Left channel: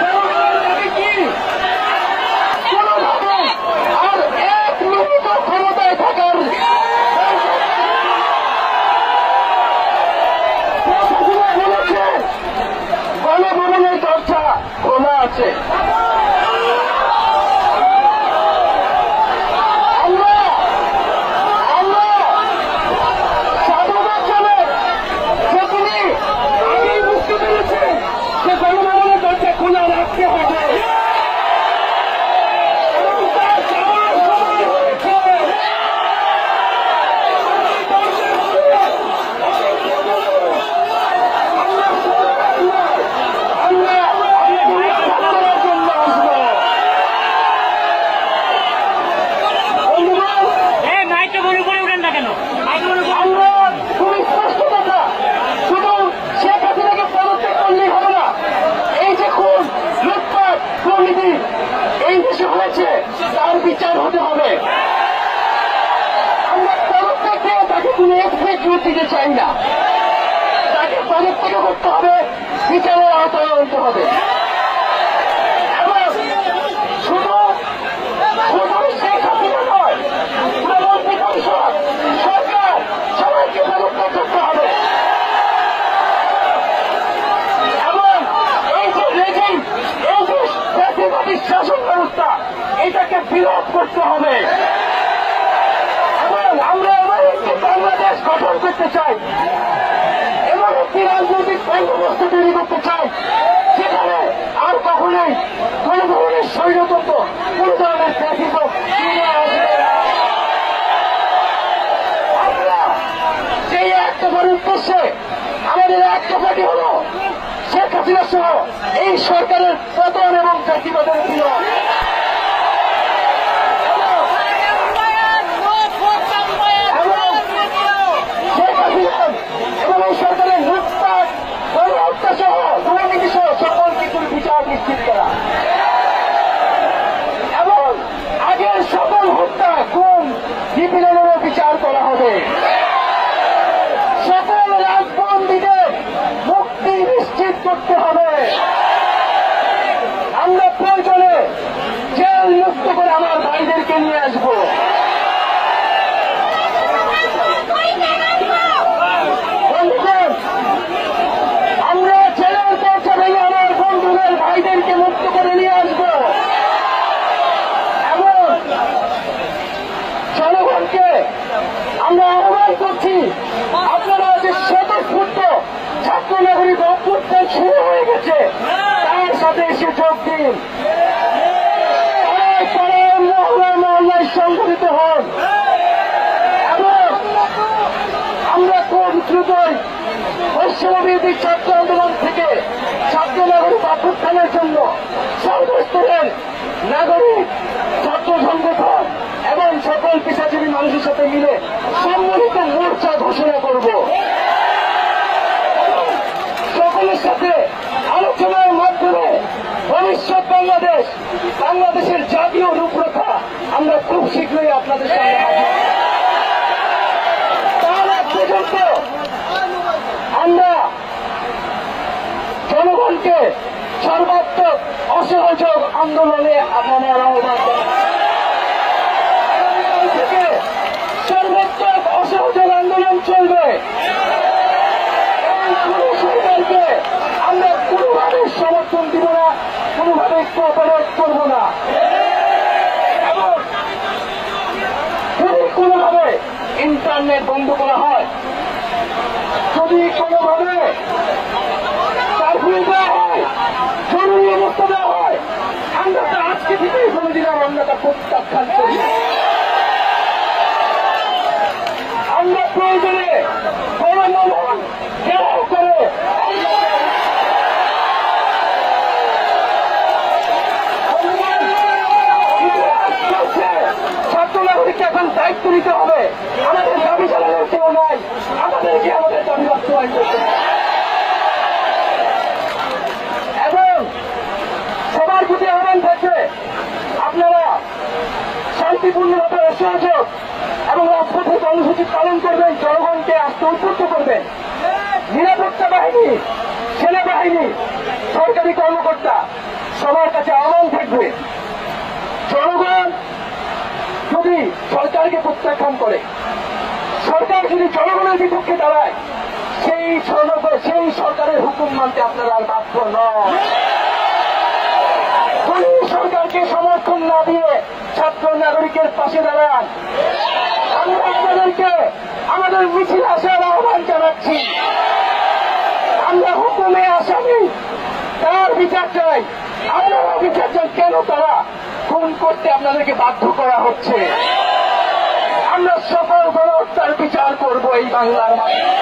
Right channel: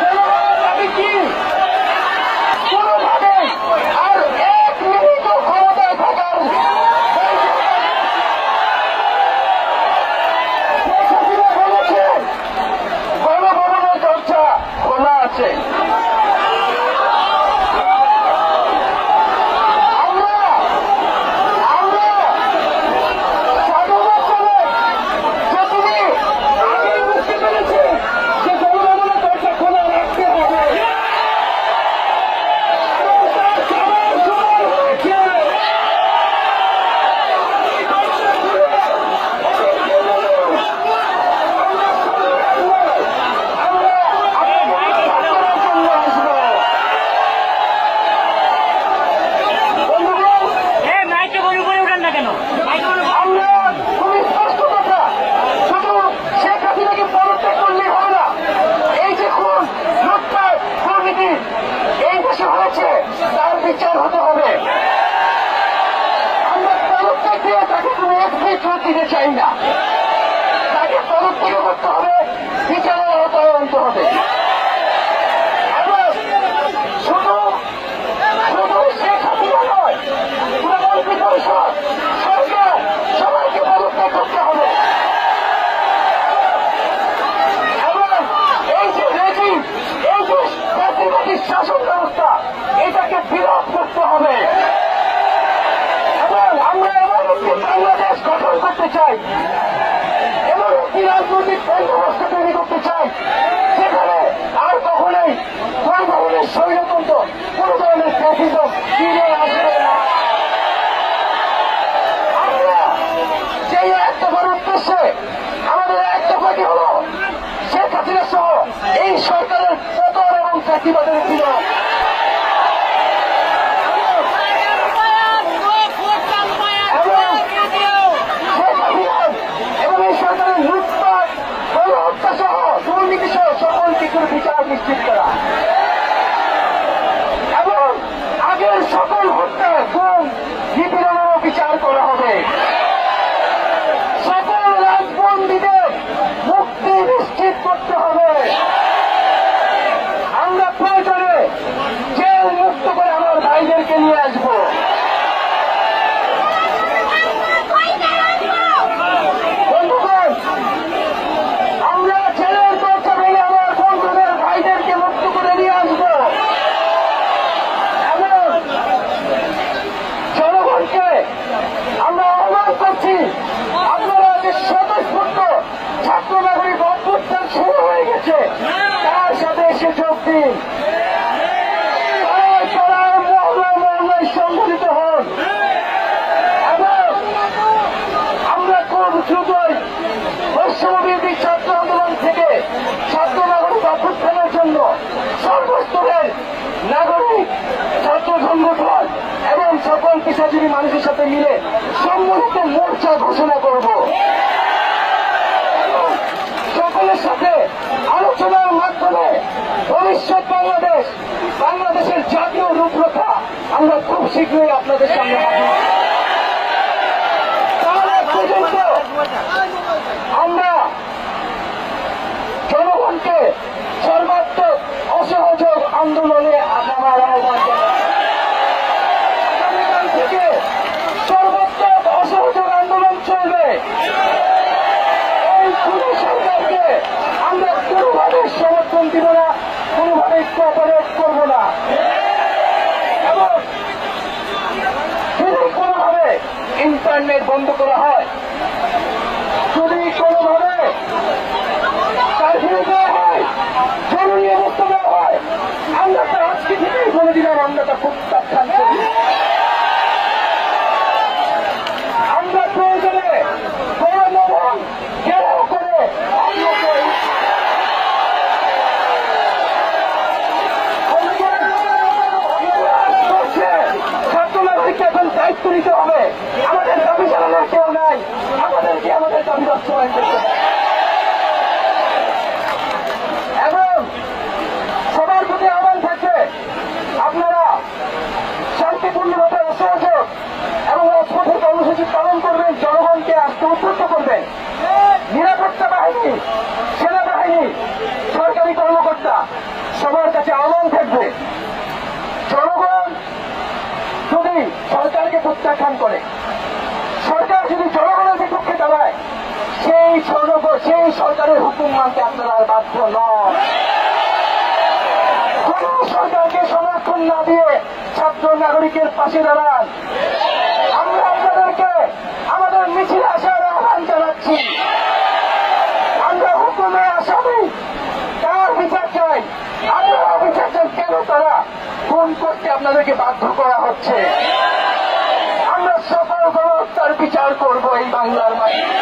জনগণের দাবি কি? কোনোভাবে আর 1 মিনিট ক্ষমতায় থাকার বলেছেন গণভবনের দরজা খোলা আছে। খোলা রাখতে হবে এবং তার যাওয়ার সময় হয়েছে। আমরা আপনাকে উৎখাত করার জন্য আসবো। বন্ধুগণ, মাইক্রোফোনে করে উঠেন না কেন? আমরা খুবই স্পষ্ট কথা, শুধু শেখ হাসিনাকে পদত্যাগ করলেই হবে না। এই যে খুন, লুটপাট, দুর্নীতি এই দেশে হয়েছে, তার বিচার হতে হবে। আমরা পদত্যাগ দিয়ে তাকে কোনো এক্সিকিউট দিতে চাই না। তাকে পদত্যাগ করতে হবে, বিচারের আওতায় আনতে হবে। এবং শুধু শেখ হাসিনা নয়, পুরো মন্ত্রী পরিষদ, সরকার সবাইকে পদত্যাগ করতে হবে। এবং এই যে রেজিম, এই যে জাতীয়বাদী শাসন ব্যবস্থা, এটাকে বিলোপ করতে হবে। এবং আমরা এমন একটি বাংলাদেশ গঠন করতে চাই, এমন একটি রাজনৈতিক বন্দোবস্ত তৈরি করতে চাই যেখানে আর কখনোই কোনো ধরনের স্বৈরতন্ত্র, কোনো ধরনের ফ্যাসিজম ফিরে আসবে না। আমরা সেই এক দফার উদ্দেশ্যে আমাদের এক দফাটি হল শেখ হাসিনা সহ এই সরকারের পতন এবং চাকরিবাদের বিলোপ। শেখ হাসিনা এবং এই সরকারের লুটপাট, গণহত্যা সহ দুর্নীতি সহ সকল কিছুর বিচার নিশ্চিত করা এবং আগের সকল হত্যা, খুন, নিপীড়নেরও বিচার করা হবে। সকল রাজবন্দীদের মুক্তি নিশ্চিত করতে হবে। আমরা প্রয়োজনে জেল মুক্ত করে আমার ভাইদেরকে নিয়ে আসবো। বন্ধুগণ, আমরা জেলের দরজা ভেঙে আমার বন্ধুদের ভাইদেরকে মুক্ত করে নিয়ে আসবো এবং জনগণকে আমরা আহ্বান করছি, আপনারা যে স্বতঃস্ফূর্ত ছাত্র নাগরিক অভ্যুত্থান শুরু হয়ে গেছে, তার সাথে এসে যোগ দিন। পাড়ায় পাড়ায়, মহল্লায় মহল্লায় সংগঠিত হন এবং আমরা খুব দ্রুতই বৈষম্যবিরোধী ছাত্র আন্দোলন থেকে ছাত্র নাগরিক অভ্যুত্থানের জন্য সর্বস্তরের নাগরিক, ছাত্র সংগঠন এবং সকল পেশাজীবী মানুষের সাথে মিলে সম্মিলিত মোর্চা ঘোষণা করব। সকলের সাথে আলোচনার মাধ্যমে ভবিষ্যৎ বাংলাদেশের জাতীয় রূপরেখা আমরা খুব শীঘ্রই আপনাদের সামনে হাজির। তার আগ পর্যন্ত আমরা জনগণকে সর্বাত্মক অসহযোগ আন্দোলনে নামার আহ্বান জানাই। আগামীকাল থেকে সর্বাত্মক অসহযোগ আন্দোলন চলবে। এই পুরো সরকারকে আমরা কোনোভাবে সমর্থন দিব না, কোনোভাবে কোঅপারেট করব না এবং যদি কোনোভাবে ইন্টারনেট বন্ধ করা হয়, যদি কোনোভাবে কারফিউ দেওয়া হয়, জরুরি অবস্থা দেওয়া হয়, আমরা তা আজকে থেকেই বলে দিলাম আমরা তা প্রত্যাখ্যান করি। আমরা প্রয়োজনে গণভবন ঘেরাও করে আপনাকে ছাত্র নাগরিককে এখন দায়িত্ব নিতে হবে। আমাদের দাবি চালানোর কেউ নাই, আমাদেরকে আমাদের দাবি বাস্তবায়ন করতে হবে এবং সবার প্রতি আহ্বান থাকবে আপনারা শান্তিপূর্ণভাবে অসহযোগ এবং রাজপথে কর্মসূচি পালন করবেন, জনগণকে আস্থা উদ্বুদ্ধ করবেন। নিরাপত্তা বাহিনী সেনাবাহিনী, সরকারি কর্মকর্তা সবার কাছে আহ্বান থাকবে, জনগণ যদি সরকারকে প্রত্যাখ্যান করে, সরকার যদি জনগণের বিপক্ষে দাঁড়ায়, সেই সরকারের হুকুম মানতে আপনারা আর বাধ্য নন। কোন সরকারকে সমর্থন না দিয়ে ছাত্র নাগরিকের পাশে দাঁড়ান। আমরা আপনাদেরকে আমাদের মিছিলে আসার আহ্বান জানাচ্ছি। আমরা হুকুমে আসামি, তার বিচার চাই। আপনারা বিচার চান কেন তারা খুন করতে আপনাদেরকে বাধ্য করা হচ্ছে। আমরা সকল গণহত্যার বিচার করব এই বাংলার মাটিতে।